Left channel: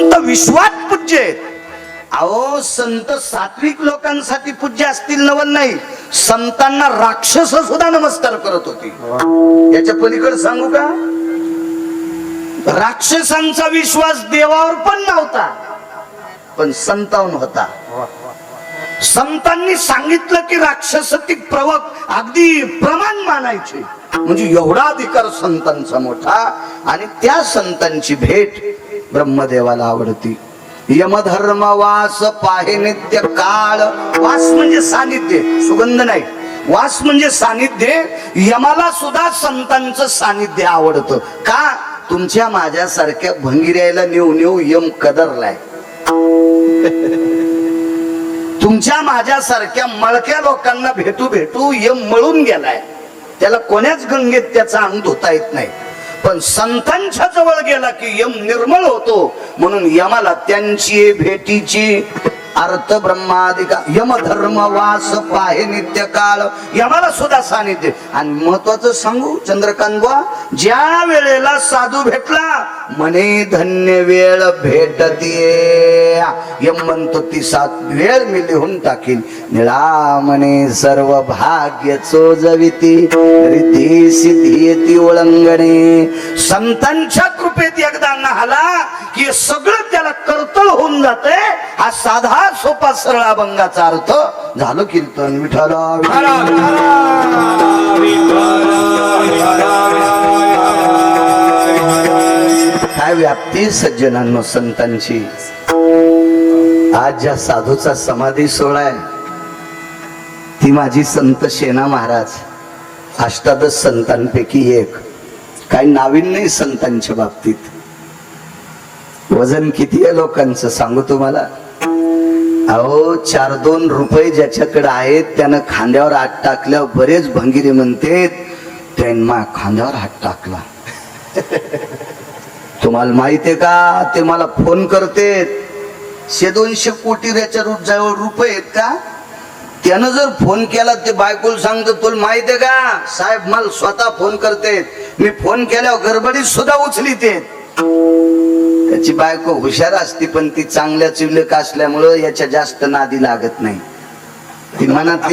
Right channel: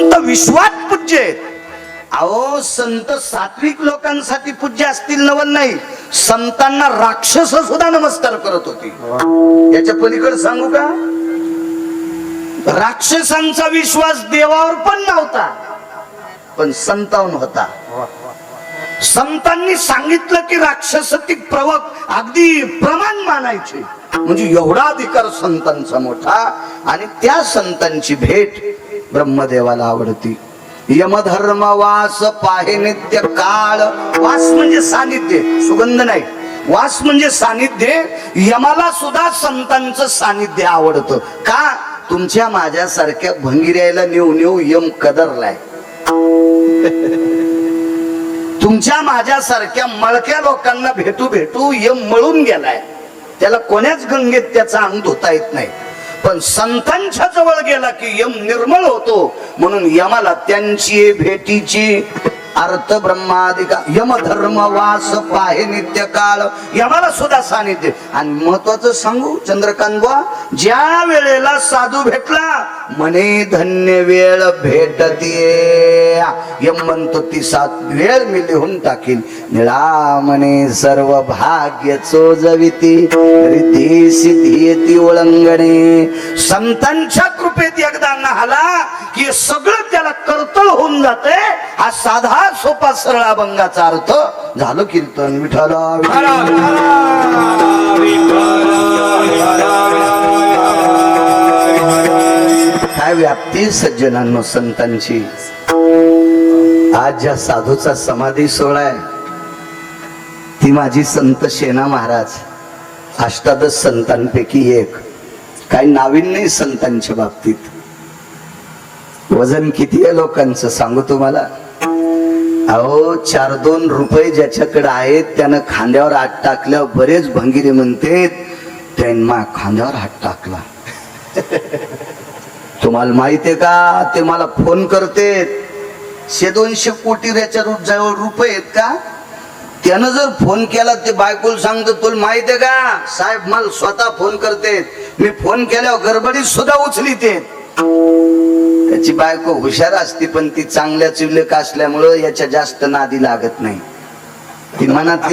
संत विश्वात पूज्य आहेत. अहो संत सात्विक लोकांसाठी पूज्य असतील नवल नाही, संतांना राक्षस सुद्धा नमस्कार करत होती. याच्या पलीकडे सांगू का, राक्षसांचा विश्वास देवावर पण नव्हता पण संतांवर होता. संतांनी सांगितलं की राक्षसातिक प्रवक अगदी प्रमाण मानायचे, म्हणजे एवढा अधिकार संतांचा मोठा. आणि त्या संतांची भेट ब्रह्मदेवाला आवडती. यमधर्म वास पाहे नित्य काळ. वास म्हणजे सानिध्य, सुगंध नाही. वास म्हणजे सानिध्य. यमाला सुद्धा संतांचं सानिध्य आवडतं. का? तुमच्या माझ्यासारख्या भंगिऱ्याला नेऊ नेऊ यम कदरलाय. तुमच्या माझ्यासारख्या मळक्या लोकांना भेटू भेटू यम मळून गेलाय. त्याला कोण्याच गंगेत त्याचा अंग धुता येत नाही. पण संतांच्या जवळ गेला की यम निर्मळ होतो. म्हणून यमाला त्यांची भेटीची अर्थ ब्रह्मादिका यमधर्म वास पाहे नित्य काळ. यमाला सुद्धा सानिध्य. आणि महत्वाचं सांगू चंद्रकांत बुवा, ज्या वेळेला साधू भेटला म्हणे धन्य वेळ भेटतीये. यम म्हणतो ती सात वेळ मी लिहून टाकीन. निळा म्हणे सर्व भाग्य चोजविती रिद्धी सिद्धी येती ओळंगणे. संतांच्या कृपेत एकदा नाहला की सगळं त्याला कर्तळ होऊन जाते. हा साधा सोपा सरळ अभंगाचा अर्थ झालं. कीर्तन विठ्ठल काय व्याप्ती सज्जनांनो संतांची. आज ज्या साधूचा समाधी सोहळा आहे ती माझी संत शेना महाराज, अष्टादश संतांपैकी एक. काही नाविन्य नाही संतांच्या बाबतीत. वजन किती आहे लोकांचं सांगू तुम्हाला. अहो 4-2 रुपये ज्याच्याकडे आहेत त्यानं खांद्यावर हात टाकल्यावर बरेच भंगिरे म्हणते त्यांना खांद्यावर हात टाकला. तुम्हाला माहितीये का, ते मला फोन करते 100-200 कोटी जवळ रुपये आहेत का. त्यानं जर फोन केला ते बायकोला सांगतो तुला माहितीये का साहेब, मला स्वतः फोन करते. मी फोन केल्यावर गडबडीत सुद्धा उचलीते. त्याची बायको हुशार असती पण ती चांगल्या चिवलेक असल्यामुळं याच्या जास्त नादी लागत नाही. ती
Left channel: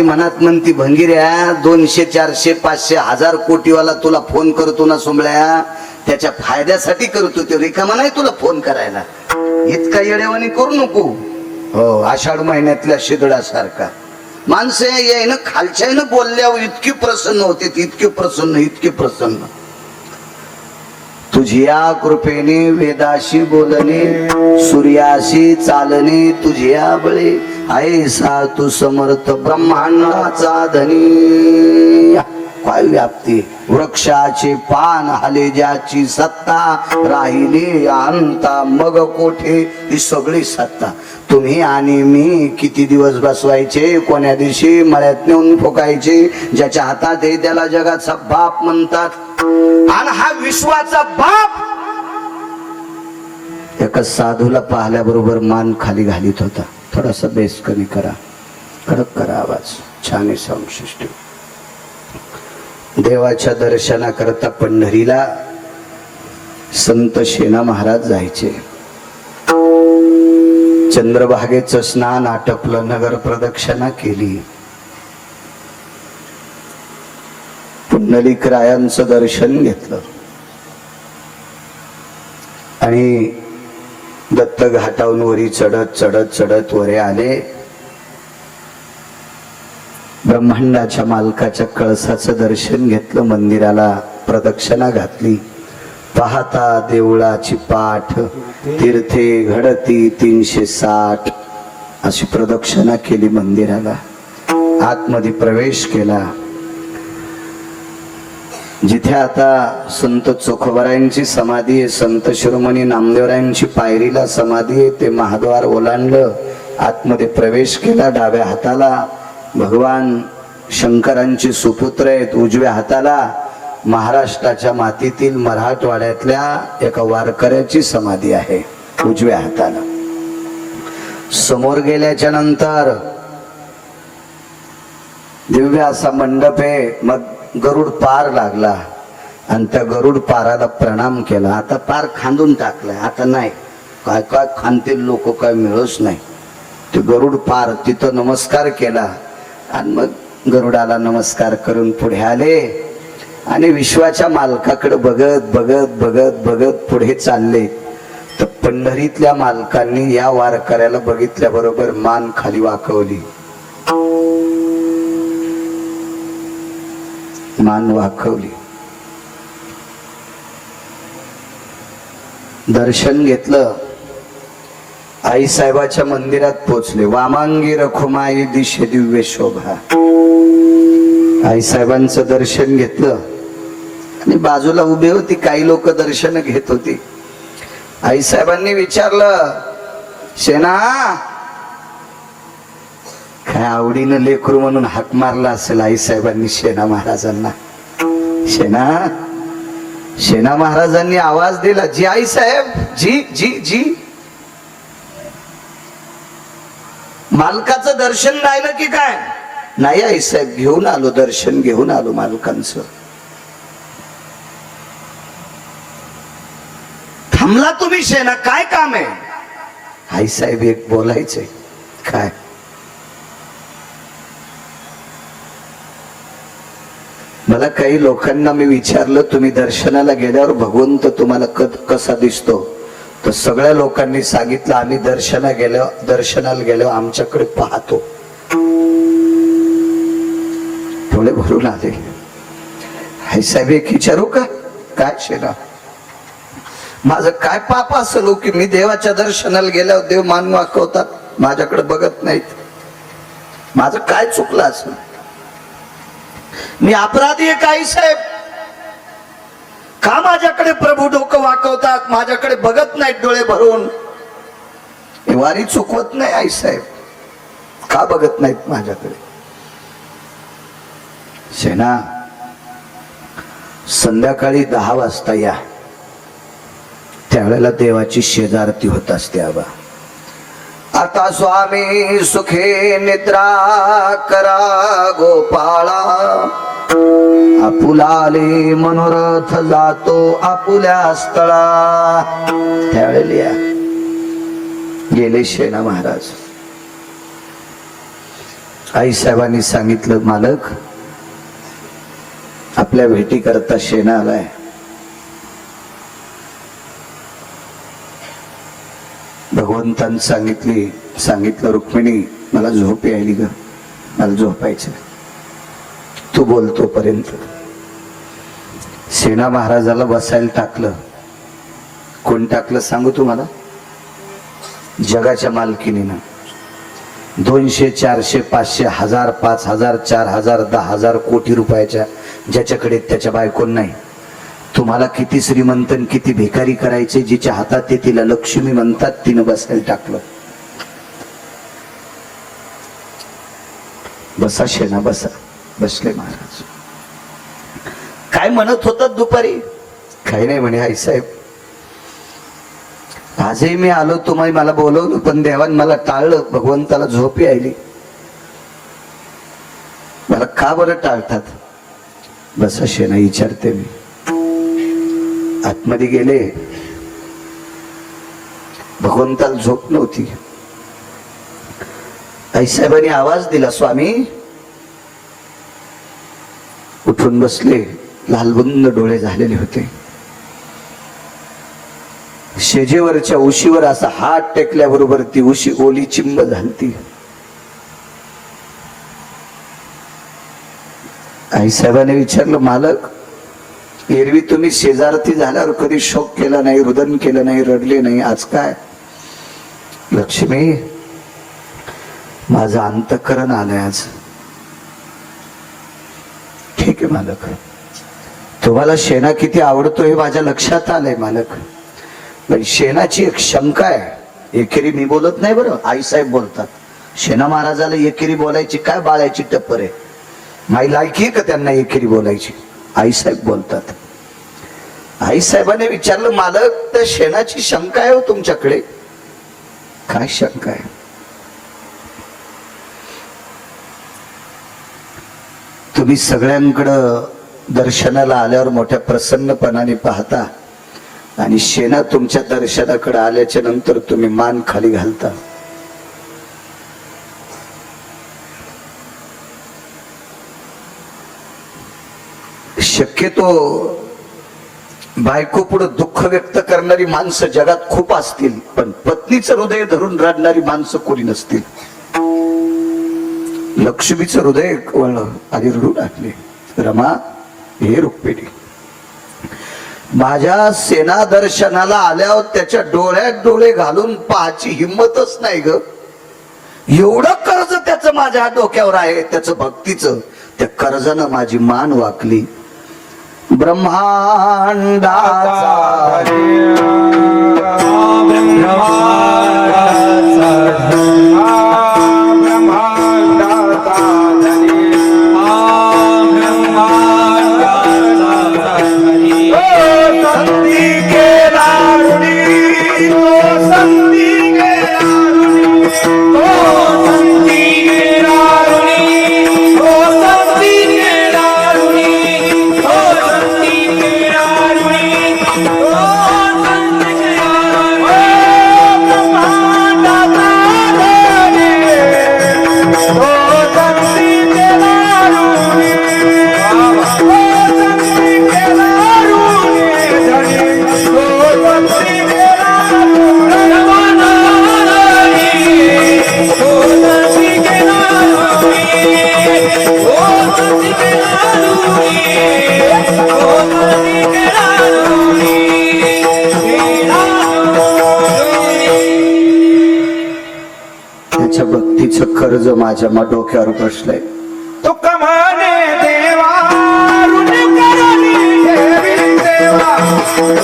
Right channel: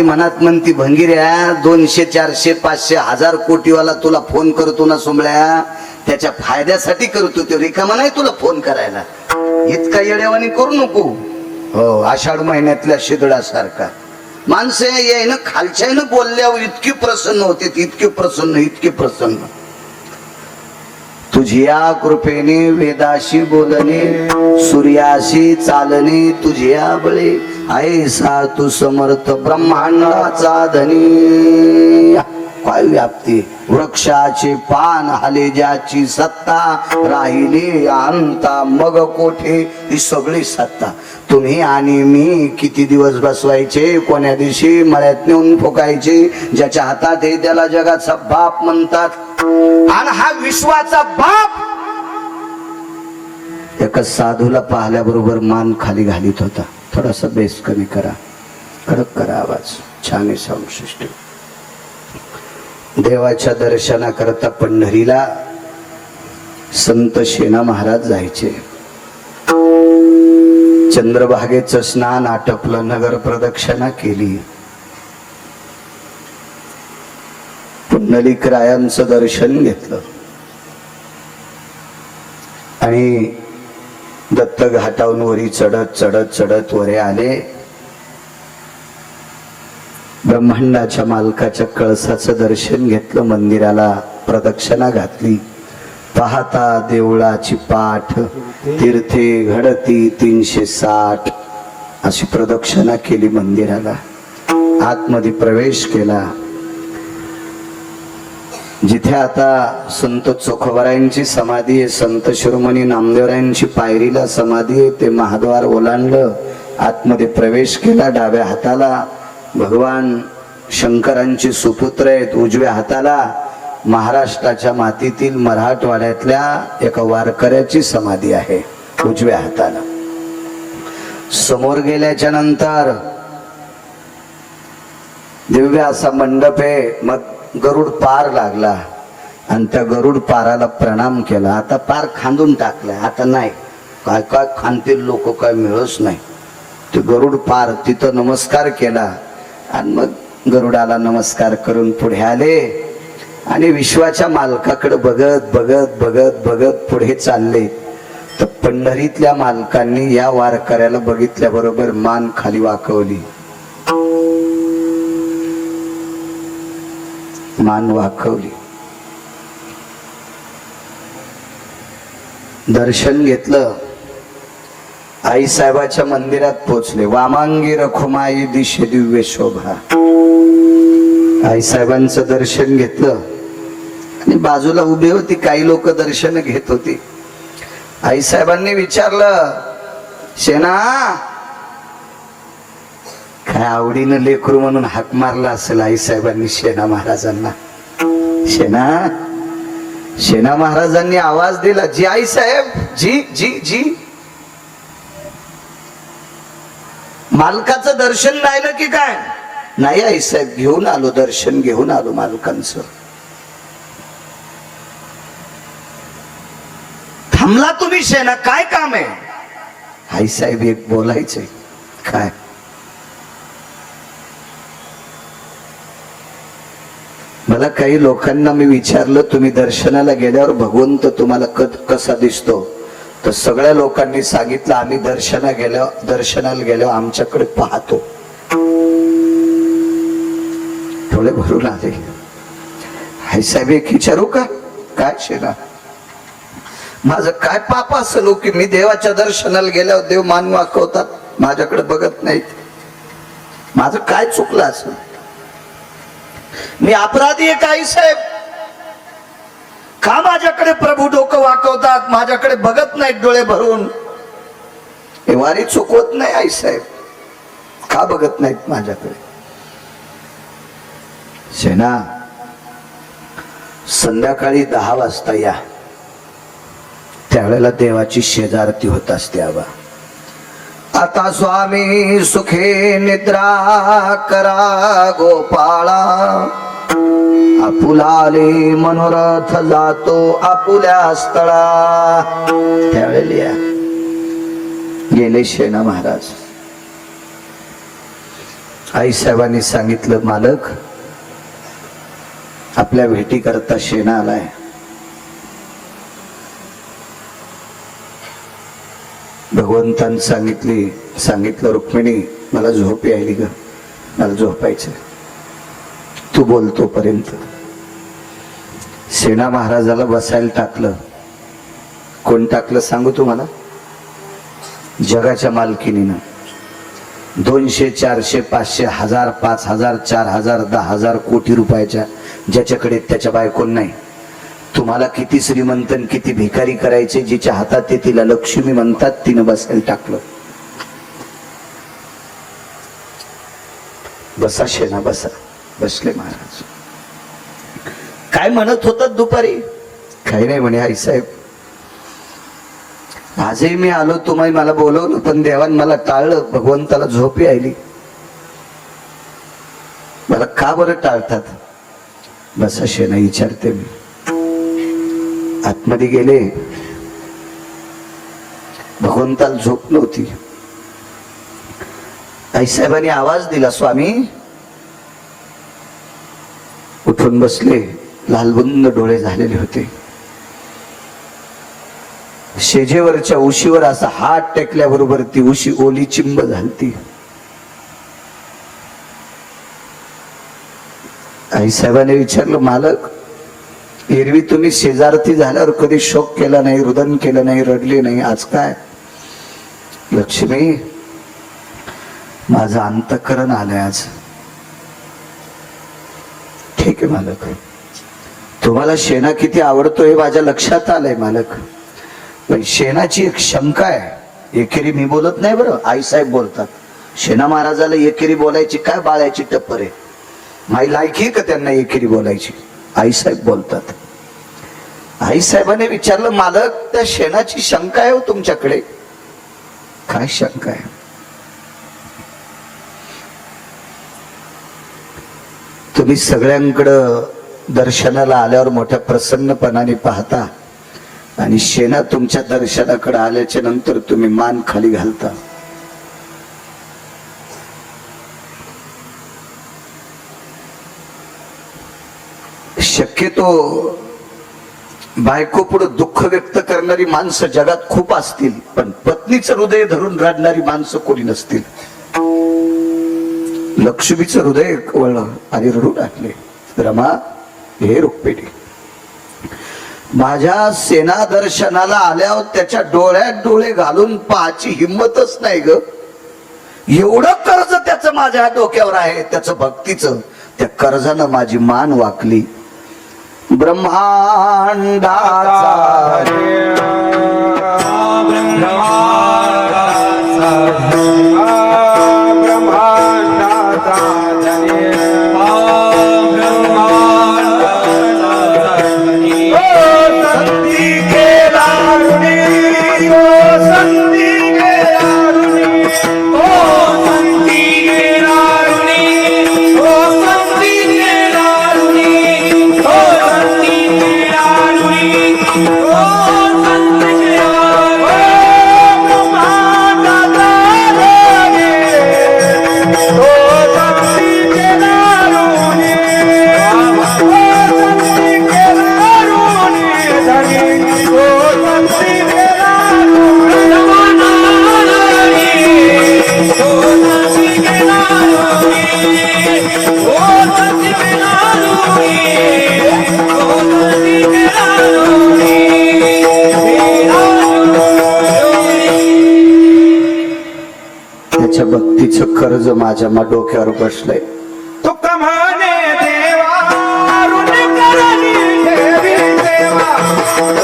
मनात म्हणती भंगिऱ्या 200, 400, 500, 1000 कोटीवाला तुला फोन करतो ना सोमळ्या, त्याच्या फायद्यासाठी करतो. ते रिकामा नाही तुला फोन करायला. इतका येडेवानी करू नको. हो, आषाढ महिन्यातल्या शिदळासारखा माणसं यायनं खालच्यानं बोलल्यावर इतकी प्रसन्न होते, इतके प्रसन्न. तुझ्या कृपेने वेदाशी बोलणे, सूर्याशी चालणे, तुझ्या बळे ऐसा तू समर्थ ब्रह्मांडाचा धनी. काय व्याप्ती. वृक्षाचे पान हाले ज्याची सत्ता, राहिली अंता मग कोठे ही सगळी सत्ता. तुम्ही आणि मी किती दिवस बसवायचे, कोण्या दिवशी मळ्यात नेऊन फुकायचे. ज्याच्या हातात आहे त्याला जगाचा बाप म्हणतात. आणि हा विश्वाचा बाप एका साधूला पाहिल्याबरोबर मान खाली घालीत होता. थोडासा बेस कमी करा, कडक करा आवाज. छान आहे साऊंड सिस्टम. देवाच्या दर्शनाकरता पंढरीला संत शेना महाराज जायचे. चंद्रभागेचं स्नान आटपलं, नगर प्रदक्षिणा केली. पुंडलिक रायांचं दर्शन घेतलं आणि दत्त घाटावरून वरी चढत वरे आले. ब्रह्मांडाच्या मालकाच्या कळसाचं दर्शन घेतलं. मंदिराला प्रदक्षिणा घातली. पाहता देवळाची पाठ तीर्थे घडती 360 अशी प्रदक्षिणा केली. मंदिराला आतमध्ये प्रवेश केला. जिथे आता संत चोखोबारायांची समाधी आहे, संत शिरोमणी नामदेवरायांची पायरीला समाधी आहे, ते महाद्वार ओलांडलं. आतमध्ये प्रवेश केला. डाव्या हाताला भगवान शंकरांचे सुपुत्र आहेत. उजव्या हाताला महाराष्ट्राच्या मातीतील मराठवाड्यातल्या एका वारकऱ्याची समाधी आहे. उजव्या हाताला समोर गेल्याच्या नंतर दिव्य असा मंडप आहे. मग गरुड पार लागला आणि त्या गरुड पाराला प्रणाम केला. आता पार खांदून टाकलाय, आता नाही. काय काय खानतील लोक काय मिळच नाही. ते गरुड पार तिथं नमस्कार केला आणि मग गरुडाला नमस्कार करून पुढे आले आणि विश्वाच्या मालकाकडे बघत बघत बघत बघत पुढे चालले. तर पंढरीतल्या मालकांनी या वारकऱ्याला बघितल्याबरोबर मान खाली वाकवली, मान वाकवली. दर्शन घेतलं. आई साहेबाच्या मंदिरात पोचले. वामांगी रखुमाई दिशे दिव्य शोभा. आई साहेबांचं दर्शन घेतलं आणि बाजूला उभे होती काही लोक दर्शन घेत होती. आई साहेबांनी विचारलं, शेना काय आवडीनं लेकरू म्हणून हाक मारला असेल आई साहेबांनी शेना महाराजांना. शेना शेना महाराजांनी आवाज दिला, जी आई साहेब, जी जी जी. मालकाचं दर्शन राहिलं की काय? नाही आई साहेब, घेऊन आलो, दर्शन घेऊन आलो मालकांचं. थांबला तुम्ही शेना, काय काम आहे? आई साहेब एक बोलायचंय. काय? मला काही लोकांना मी विचारलं, तुम्ही दर्शनाला गेल्यावर भगवंत तुम्हाला कसा दिसतो? तर सगळ्या लोकांनी सांगितलं, आम्ही दर्शनाला गेल्यावर आमच्याकडे पाहतो. डोळे भरून आले. आई साहेब एक विचारू का? काय शेना, माझं काय पाप असेल की मी देवाच्या दर्शनाला गेल्यावर देव मान वाकवतात, माझ्याकडे बघत नाहीत? माझं काय चुकलं असेल? मी अपराधी आहे का आई साहेब? का माझ्याकडे प्रभू डोकं वाकवतात, माझ्याकडे बघत नाहीत डोळे भरून? हे वारी चुकवत नाही आई साहेब, का बघत नाहीत माझ्याकडे? शेना संध्याकाळी 10 वाजता या, त्यावेळेला देवाची शेजारती होत असते. आबा आता स्वामी सुखे निद्रा करा गोपाळा, आपुलाले मनोरथ जातो आपुल्या स्थळा. त्यावेळेला गेले शेना महाराज. आई साहेबांनी सांगितलं, मालक आपल्या भेटी करता शेना आलाय. भगवंतांनी सांगितलं, रुक्मिणी मला झोप यायली ग, मला झोपायचं, तू बोलतो पर्यंत. सेना महाराजाला बसायला टाकलं. कोण टाकलं सांगू तुम्हाला? जगाच्या मालकीनीनं. 200, 400, 500, 1000, 5000, 4000, 10,000 कोटी रुपयाच्या ज्याच्याकडे त्याच्या बायकोन नाही. तुम्हाला किती श्रीमंत किती भिकारी करायचे, जिच्या हातात ते तिला लक्ष्मी म्हणतात, तिनं बसायला टाकलं. बसा शेना बसा. बसले महाराज. काय म्हणत होतात दुपारी? काही नाही म्हणे आई साहेब, आजही मी आलो, तुम्ही मला बोलवलं पण देवान मला टाळलं, भगवंताला झोप यायली. मला का बरं टाळतात? बसा शेना विचारते मी. आतमध्ये गेले. भगवंताला झोप नव्हती. आईसाहेबांनी आवाज दिला, स्वामी. उठून बसले. लालबुंद डोळे झालेले होते. शेजेवरच्या उशीवर असा हात टेकल्याबरोबर ती उशी ओली चिंब झालती. आईसाहेबांनी विचारलं, मालक एरवी तुम्ही शेजारती झाल्यावर कधी शोक केला नाही, रुदन केलं नाही, रडले नाही, आज काय? लक्ष्मी माझं अंतःकरण आलंय आज. ठीक आहे मालक, तुम्हाला शेना किती आवडतो हे माझ्या लक्षात आलंय मालक. पण शेनाची एक शंका आहे. एकेरी मी बोलत नाही बरं, आईसाहेब बोलतात. शेना महाराजाला एकेरी बोलायची काय बाळायची टप्पर आहे? माझी लायकी का त्यांना एकेरी बोलायची? आईसाहेब बोलतात. आईसाहेबांनी विचारलं, मालक त्या शेणाची शंका आहे हो तुमच्याकडे? काय शंका आहे? तुम्ही सगळ्यांकडं दर्शनाला आल्यावर मोठ्या प्रसन्नपणाने पाहता, आणि शेणा तुमच्या दर्शनाकडे आल्याच्या नंतर तुम्ही मान खाली घालता. शक्यतो बायको पुढे दुःख व्यक्त करणारी माणसं जगात खूप असतील, पण पत्नीचं हृदय धरून रडणारी माणसं कोणी नसतील. लक्ष्मीचं हृदय वळलं आणि रडू लागले, रमा हे रुक्मिणी, माझ्या सेना दर्शनाला आल्यावर त्याच्या डोळ्यात डोळे घालून पाहायची हिंमतच नाही ग. एवढं कर्ज त्याचं माझ्या डोक्यावर आहे, त्याचं भक्तीचं. त्या कर्जानं माझी मान वाकली. ब्रह्मांडाचा कर्ज माझ्या डोक्यावर बसलंय. तो कमाने देवा ऋण करोनी देवी सेवा,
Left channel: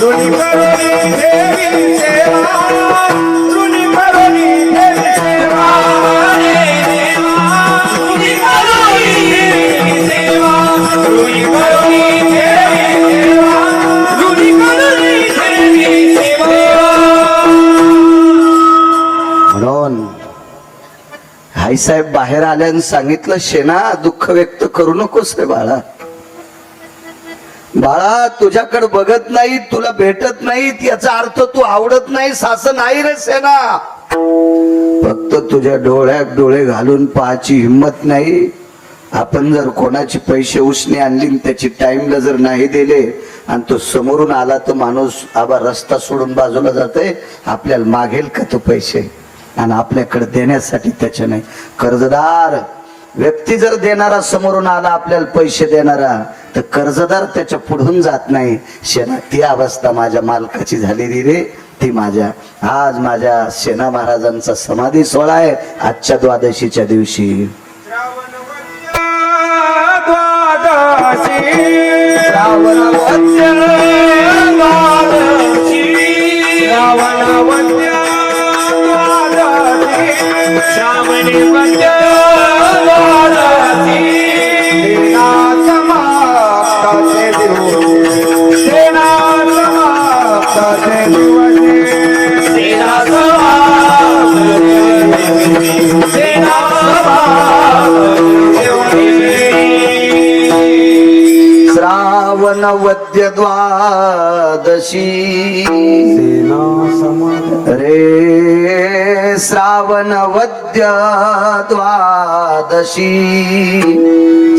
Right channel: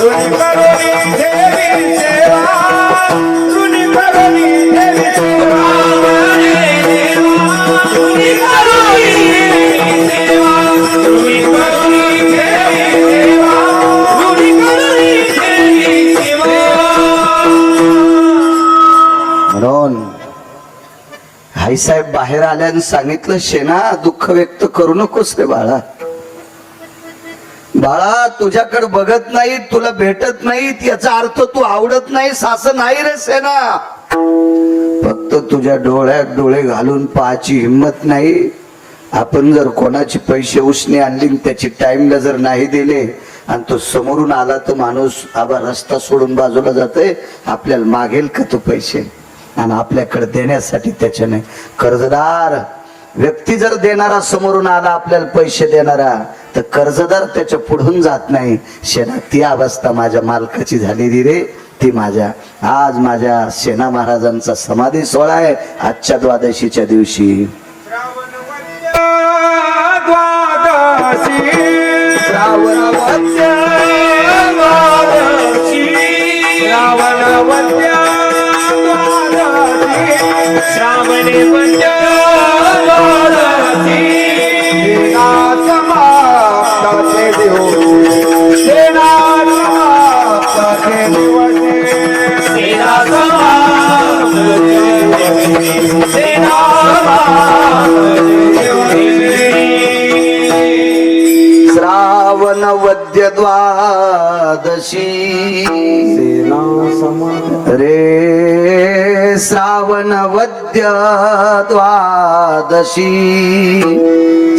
ऋण करोनी देवी सेवा, ऋण करोनी देवी सेवा, देवा ऋण करोनी देवी सेवा, ऋण करोनी देवी सेवा, ऋण करोनी देवी सेवा. म्हणून आई साहेब बाहेर आल्यानं सांगितलं, शेणा दुःख व्यक्त करू नकोस रे बाळा. बाळा तुझ्याकडे बघत नाही, तुला भेटत नाहीत याचा अर्थ तू आवडत नाही असं नाही रे सेना. फक्त तुझ्या डोळ्यात डोळे घालून पाहायची हिंमत नाही. आपण जर कोणाचे पैसे उसने आणली त्याची टाइमला जर नाही दिले आणि तो समोरून आला तर माणूस आबा रस्ता सोडून बाजूला जाते, आपल्याला मागेल का तो पैसे, आणि आपल्याकडे देण्यासाठी त्याचे नाही. कर्जदार व्यक्ती जर देणारा समोरून आला आपल्याला पैसे देणारा, तर कर्जदार त्याच्या पुढून जात नाही. शेणा ती अवस्था माझ्या मालकाची झालेली रे. ती माझ्या आज माझ्या सेना महाराजांचा समाधी सोहळा आहे आजच्या द्वादशीच्या दिवशी. श्रावणी वंद्य सेना समाप्ताचे दिवस, सेना समाप्ताचे दिवस, सेना समाप्ताचे दिवस, सेना श्रावण वद्य द्वादशी सेना समाप्त रे. श्रावण वद्य द्वादशी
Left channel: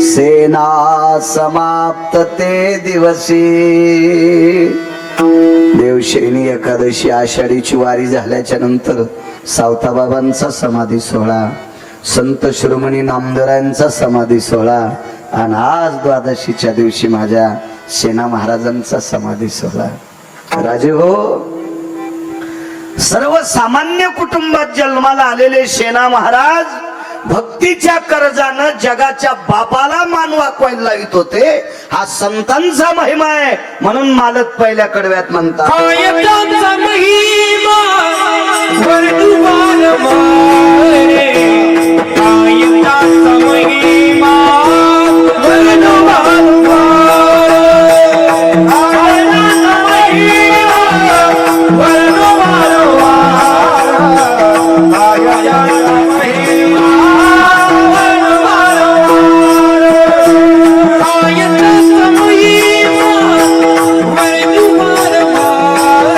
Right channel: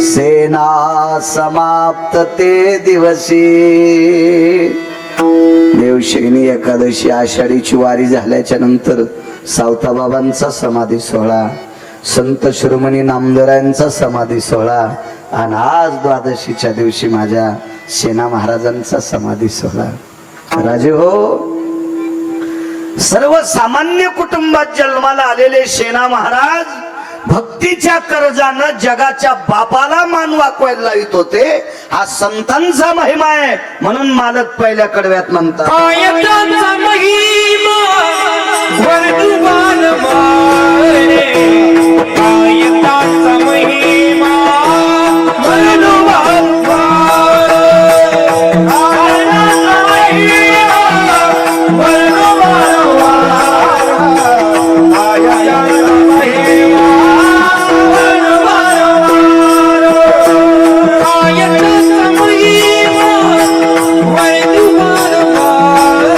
सेना समाप्त ते दिवशी. देवशैनी एकादशी आषाढीची वारी झाल्याच्या नंतर सावताबाबांचा समाधी सोहळा, संत शिरोमणी नामदेवांचा समाधी सोहळा, आणि आज द्वादशीच्या दिवशी माझ्या सेना महाराजांचा समाधी सोहळा. राजे हो, सर्वसामान्य कुटुंबात जन्माला आलेले सेना महाराज भक्तीच्या कर्जानं जगाच्या बापाला मान वाकवायला लावित होते. हा संतांचा महिमा आहे. म्हणून मालक पहिल्या कडव्यात म्हणतात, कायताचा महिमा वर्णुवान मारे, कायताचा महिमा वर्णुवान मारे, कायताचा महिमा वर्णुवान मारे, कायताचा महिमा वर्णुवान मारे, कायताचा महिमा वर्णुवान मारे.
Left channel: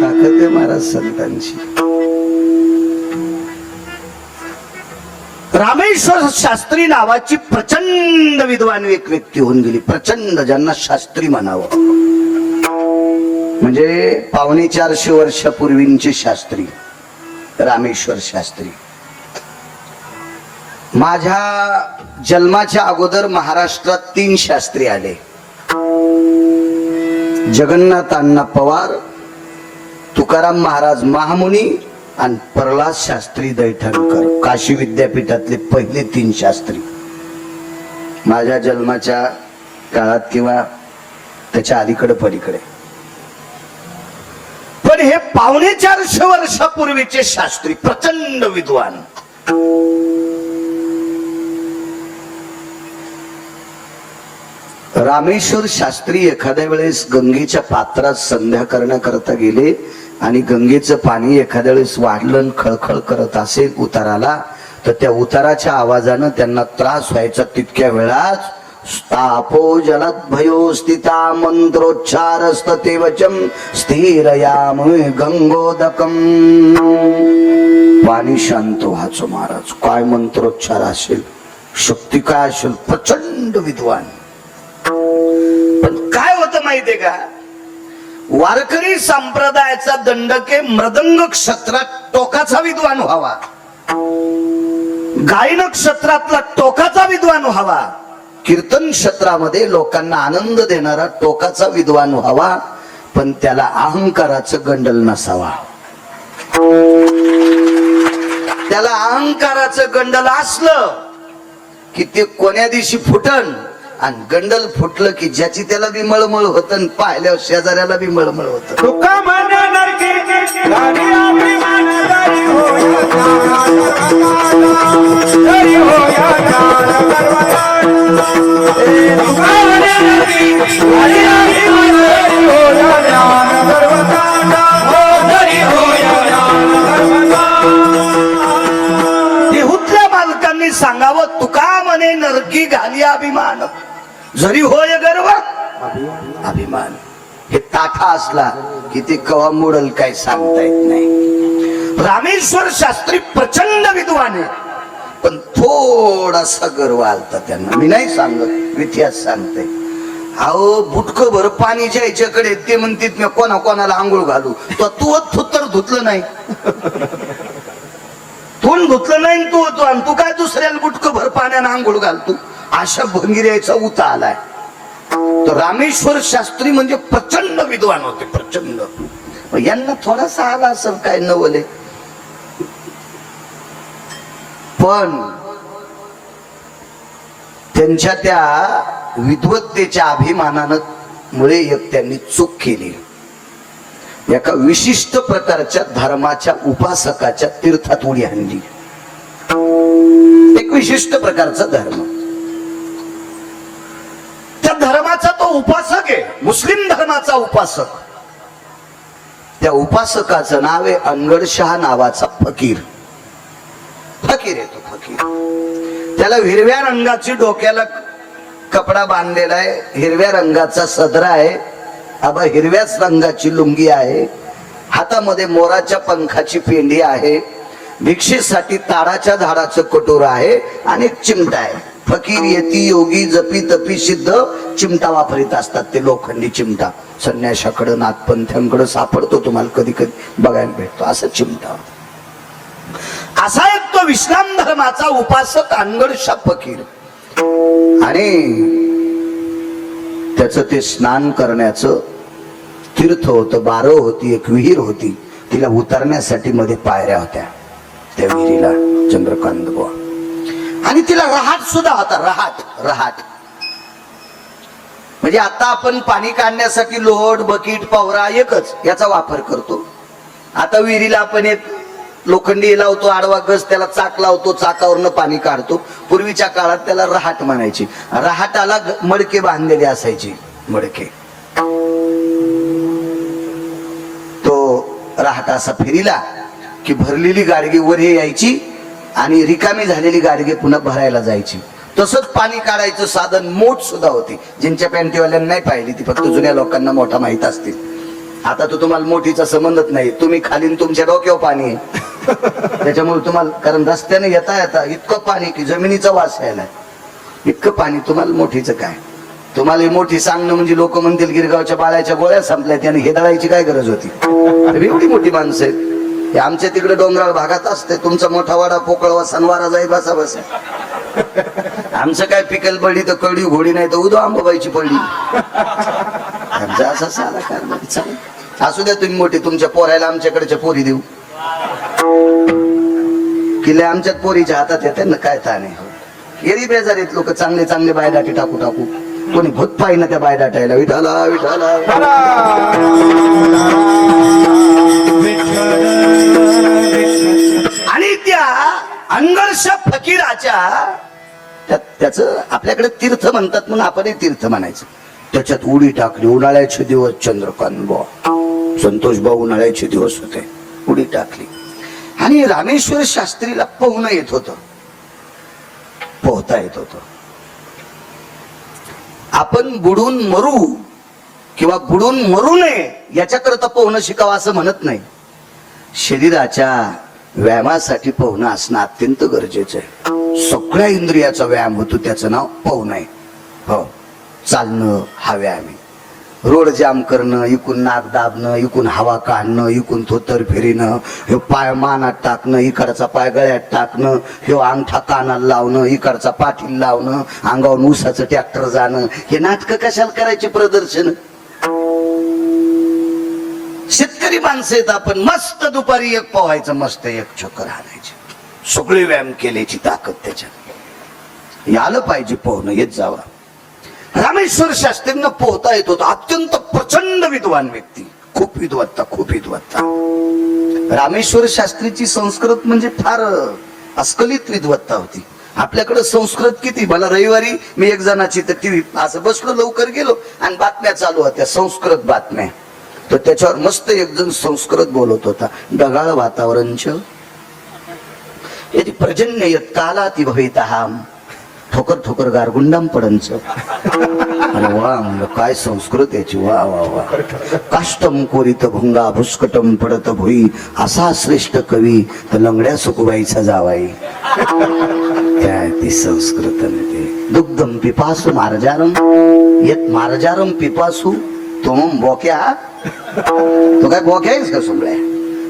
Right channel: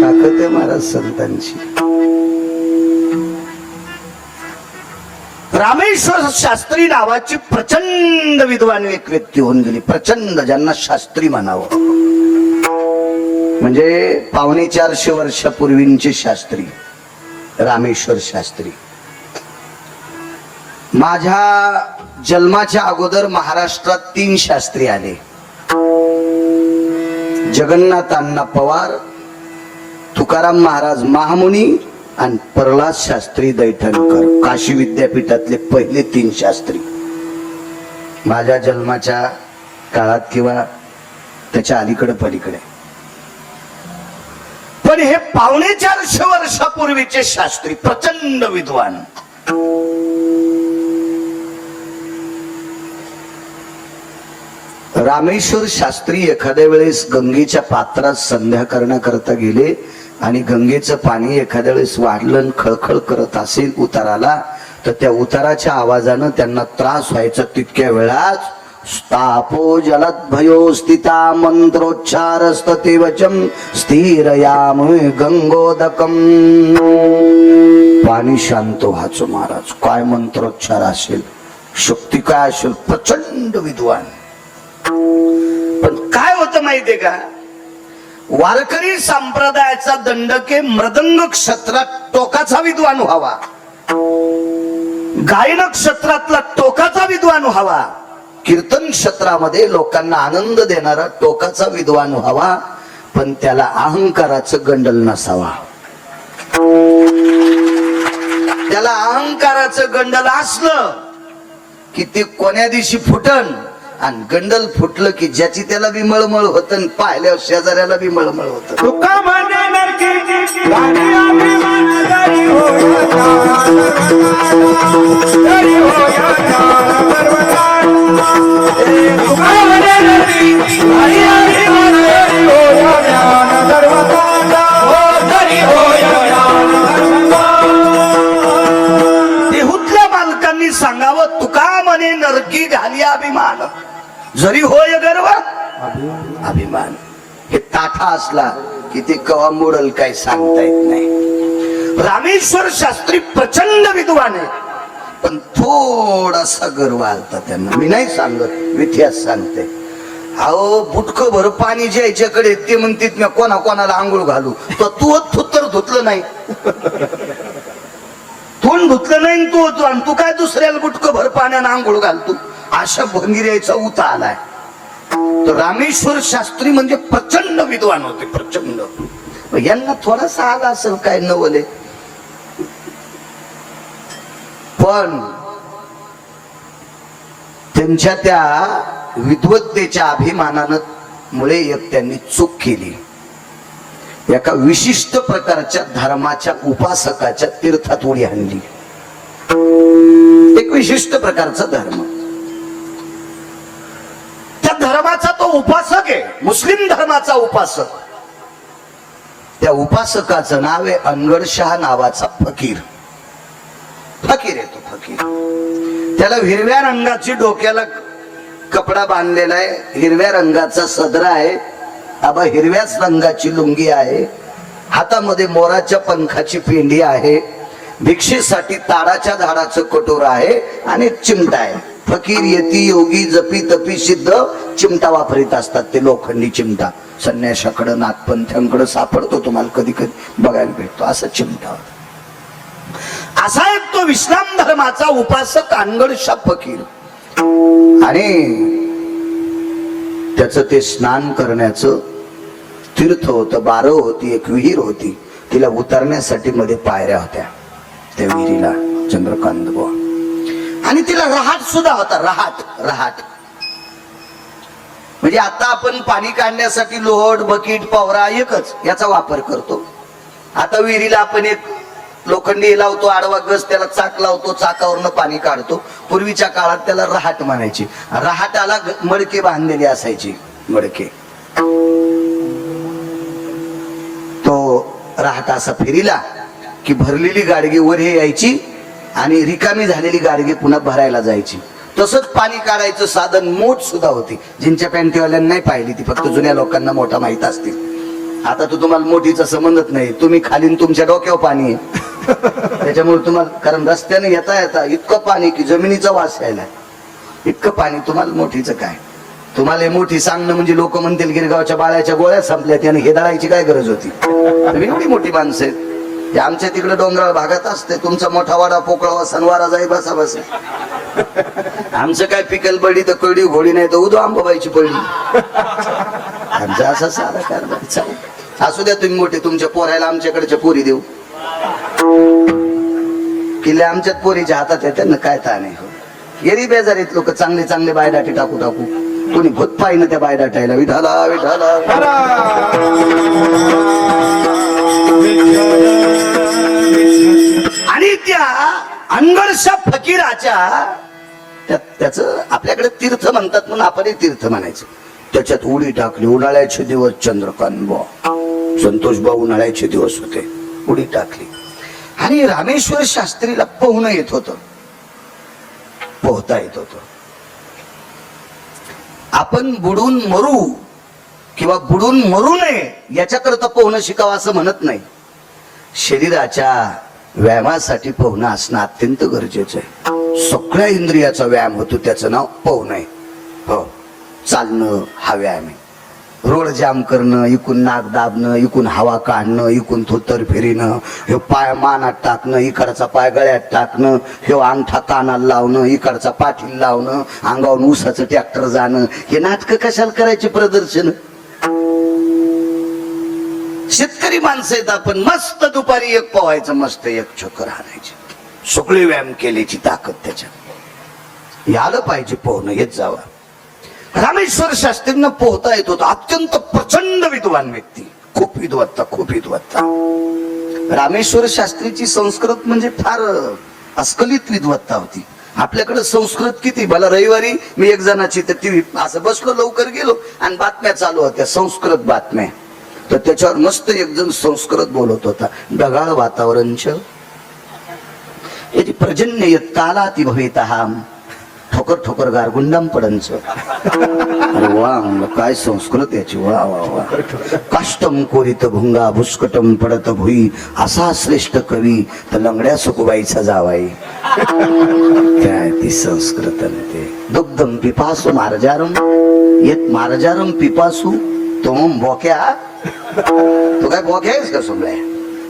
ताकद आहे महाराज संतांची. रामेश्वर शास्त्री नावाची प्रचंड विद्वान एक व्यक्ती होऊन गेली. प्रचंड, ज्यांना शास्त्री म्हणावं. म्हणजे 450 वर्षापूर्वींचे शास्त्री रामेश्वर शास्त्री. माझ्या जन्माच्या अगोदर महाराष्ट्रात 3 शास्त्री आले. जगन्नाथ अण्णा पवार, तुकाराम महाराज महामुनी आणि प्रल्हाद शास्त्री दैठणकर. काशी विद्यापीठातले पहिले 3 शास्त्री माझ्या जन्माच्या काळात किंवा त्याच्या अलीकडे पलीकडे. पण हे 450 वर्षापूर्वीचे शास्त्री प्रचंड विद्वान. रामेश्वर शास्त्री एखाद्या वेळेस गंगेच्या पात्रात संध्या करण्याकरता गेले आणि गंगेचं पाणी एखाद्या वेळेस वाढलं आणि खळखळ करत असेल उताराला, तर त्या उताराच्या आवाजानं त्यांना त्रास व्हायचा. तितक्या वेळात स्थापो जलद्भयो स्थिता मंत्रोच्चारस्तते वचम स्थिरयाम गंगोदकम. पाणी शांत व्हायचं महाराज. काय मंत्रोच्चार असेल, शक्ती काय असेल, प्रचंड विद्वान. पण काय होतं माहितीये का, वारकरी संप्रदायाचा दंडके मृदंग क्षेत्रात टोकाचा विद्वान व्हावा, गायन क्षेत्रातला टोकाचा विद्वान व्हावा, कीर्तन क्षेत्रामध्ये लोकांना आनंद देणारा टोकाचा विद्वान व्हावा, पण त्याला अहंकाराचं गंडल नसावा. त्याला अहंकाराचं गंडल असलं की ते कोण्या दिवशी फुटन, आणि गंडल फुटलं की ज्याची त्याला बी मळमळ होत, पाहिल्यावर शेजाऱ्याला बी मळमळ होत. तुका म्हणे नरके राणी अभिमान दरी होया दरी होया तुका म्हणे नरके राणी अभिमान दरी होया दरी होया. देहूतल्या बालकांनी सांगावं, तुका म्हणे नरकी घाली अभिमान, जरी होय गर्व अभिमान. हे ताठा असला की ते कवा मोडल काही सांगता येत नाही. रामेश्वर शास्त्री प्रचंड विद्वान आहे, पण थोडासा गर्व आलता त्यांना. मी नाही सांगत, इतिहास सांगते. अहो बुटक भर पाणी ज्याच्याकडे ते म्हणतात मी कोणा कोणाला आंघोळ घालू, तो थुत्तर धुतलं नाही. तोंड धुतलं नाही तू आणि तू काय दुसऱ्याला बुटक भर पाण्यानं आंघोळ घालतो. अशा भंगिऱ्याचा उता आलाय. तर रामेश्वर शास्त्री म्हणजे प्रचंड विद्वान होते, प्रचंड. यांना थोडासा आला असेल काय नवले, पण त्यांच्या त्या विद्वत्तेच्या अभिमानानं मुळे एक त्यांनी चूक केली. एका विशिष्ट प्रकारच्या धर्माच्या उपासकाच्या तीर्थात उडी आणली. एक विशिष्ट प्रकारचा धर्म, त्या धर्माचा तो उपासक आहे, मुस्लिम धर्माचा उपासक. त्या उपासकाचं नाव आहे अनगडशाह नावाचा फकीर. फकीर आहे तो फकीर. त्याला हिरव्या रंगाची डोक्याला कपडा बांधलेला आहे, हिरव्या रंगाचा सदरा आहे, आबा हिरव्याच रंगाची लुंगी आहे, हातामध्ये मोराच्या पंखाची पेंडी आहे, भिक्षेसाठी ताडाच्या झाडाचं कटोर आहे आणि एक चिमटा आहे. फकीर येती योगी जपी तपी सिद्ध चिमटा वापरीत असतात. ते लोखंडी चिमटा संन्याशाकडं नाथपंथ्यांकडे सापडतो, तुम्हाला कधी कधी बघायला भेटतो. असं चिमटा. असा एक तो इस्लाम धर्माचा उपासक अनगडशाह फकीर. आणि त्याचं ते स्नान करण्याचं तीर्थ होतं, बारव होती, एक विहीर होती. तिला उतरण्यासाठी मध्ये पायऱ्या होत्या त्या विहिरीला, चंद्रकांत बुवा. आणि तिला रहाट सुद्धा होता. रहाट म्हणजे आता आपण पाणी काढण्यासाठी लोट बकेट पावरा एकच याचा वापर करतो. आता विहिरीला आपण एक लोखंडी लावतो, आडवा गज, त्याला चाक लावतो, चाकावरनं पाणी काढतो. पूर्वीच्या काळात त्याला रहाट म्हणायचे. रहाटाला मडके बांधलेले असायचे, मडके. तो रहाट असा फिरिला की भरलेली गाडगी वर यायची आणि रिकामी झालेली गाडगे पुन्हा भरायला जायची. तसंच पाणी काढायचं साधन मोठ सुद्धा होती. जिंच्या पॅन्टीवाल्यांना नाही पाहिली, ती फक्त जुन्या लोकांना मोठा माहित असतील. आता तो तुम्हाला मोठीचा संबंधच नाही, तुम्ही खालीन तुमच्या डोक्यावर पाणी आहे त्याच्यामुळे तुम्हाला, कारण रस्त्याने येता येता इतकं पाणी की जमिनीचा वास यायला, इतकं पाणी, तुम्हाला मोठीचं काय. तुम्हाला हे मोठी सांगणं म्हणजे लोक म्हणतील गिरगावच्या बाळ्याच्या गोळ्या संपल्यात आणि हे दळायची काय गरज होती. एवढी मोठी माणसं आहेत. हे आमच्या तिकडे डोंगराळ भागात असते. तुमचा मोठा वाडा पोकळवा सणवारा जाई बसा बसा. आमचं काय पिकल बडी तर कडी घोडी नाही तर उदो आंबाबाईची पडली. आमचा असा साधा कारभार चालेल. असू द्या तुम्ही मोठे, तुमच्या पोरायला आमच्याकडच्या पोरी देऊ. किल्ले आमच्यात पोरीच्या हातात येते ना, काय ता नाही. गेली बेजारीत लोक चांगले चांगले बायडाटी टाकू टाकू. कोणी भूत पाहिजे त्या बायडाटायला, विठाला विठाला. आणि त्या अनगरशा फकीराच्या त्याचं आपल्याकडे तीर्थ म्हणतात म्हणून आपणही तीर्थ म्हणायचं. त्याच्यात उडी टाकली. उन्हाळ्याचे दिवस, चंद्रकांत भाऊ, संतोष भाऊ उन्हाळ्याचे दिवस होते. उडी टाकली आणि रामेश्वर शास्त्रीला पोहणं येत होतं, पोहता येत होतं. आपण बुडून मरू किंवा बुडून मरू नये याच्याकरता पोहणं शिकावं असं म्हणत नाही. शरीराच्या व्यायामासाठी पोहणं असणं अत्यंत गरजेचं आहे. सगळ्या इंद्रियाचा व्यायाम होतो, त्याचं नाव पोहणं आहे. हो, चालणं हा व्यायाम आहे. रोड जाम करणं, इकून नाक दाबणं, इकून हवा काढणं, इकून थोतर फिरणं, हे पाय मानात टाकणं, इकडचा पाय गळ्यात टाकणं, हे अंगठा कानाला लावणं, इकडचा पाठीला लावणं, अंगावर ऊसाचं ट्रॅक्टर जाणं, हे नाटकं कशाला करायचे प्रदर्शन. शेतकरी माणसं आहेत आपण. मस्त दुपारी एक पोहायचं, मस्त एक चक्कर हाणायचे. सगळे व्यायाम केल्याची ताकद त्याच्यात. यालं पाहिजे पोहणं, येत जावं. रामेश्वर शास्त्रींना पोहता येत होतं. अत्यंत प्रचंड विद्वान व्यक्ती, खूप विद्वत्ता, खूप विद्वत्ता. रामेश्वर शास्त्रीची संस्कृत म्हणजे फार अस्खलित विद्वत्ता होती. आपल्याकडे संस्कृत किती. मला रविवारी मी एक जणाची तर टीव्ही असं बसलो, लवकर गेलो आणि बातम्या चालू होत्या, संस्कृत बातम्या. तर त्याच्यावर मस्त एक जण संस्कृत बोलत होता. ढगाळ वातावरण यदि पर्जन्य यत् कालाति भवेतहाम ठोकर ठोकर गारगुंडाम पडंच. अरे वा, म्हणलं काय संस्कृत याची. वा वा वा. काष्टम कोरित भुंगा भुस्कटम पडत भुई, असा श्रेष्ठ कवी तर लंगड्या सुकुबाईचा जावाई. काय ती संस्कृत. ते दुग्धम पिपासू मार्जारम येत मार्जारम पिपासू तुम बोक्या. तो काय बोक्या आहेस का सोमलाय.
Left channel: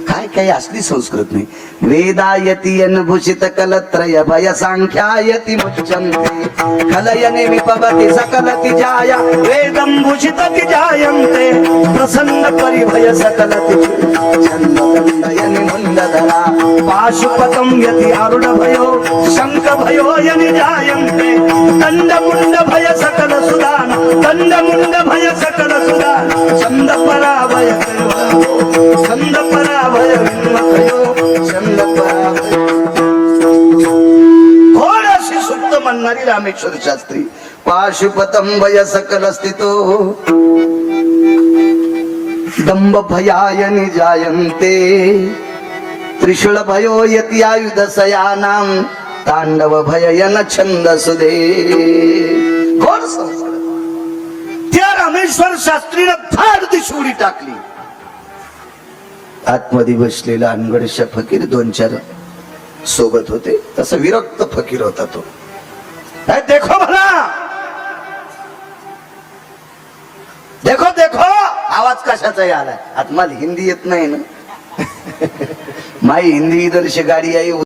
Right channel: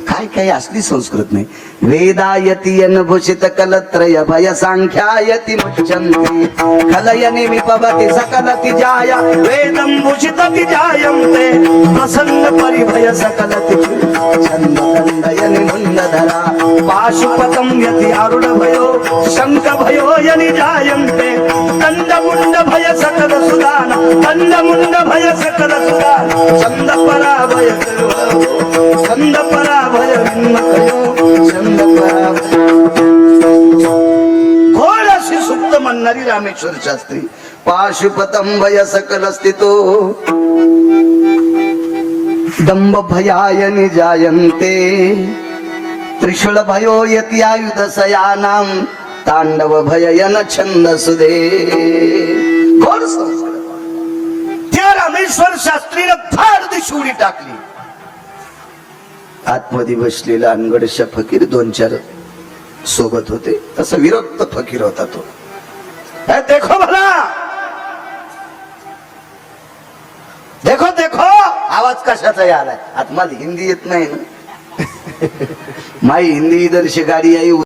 काय काय असली संस्कृत नाही. वेदायती अनभूषित कलत्रय भय सांख्यायती मुच्यन्ते कलयने विपवति सकल तिजाया वेदं भूषित तिजायन्ते प्रसन्न परिभय सकल तिजयन मुंडधरा पाशुपतम यति आरुढ भयो शंख भयो यनि जायन्ते दंड मुंड भय सकल सुदान दंड मुंड भय सकल सुदान छंद पराभय छंद पराभय घोड अशी सुप्त म्हणणारी रामेश्वर शास्त्री. पाशुपतम भय सकल स्थितो दंभ भयायनि जायन्ते त्रिशूल भयो यति आयुध सयानाम तांडव भययन छंद सुदे. घोड संस्कृत. त्या रामेश्वर शास्त्रीने फार दिशी उडी टाकली. आतमध्ये बसलेला अनगडशा फकीर 2-4 सोबत होते. तसा विरक्त फकीर होता तो. देखो भला, देखो देखो. आवाज कशाचा आलाय. आता मला हिंदी येत नाही ना. माई हिंदी दर्श गाडी आई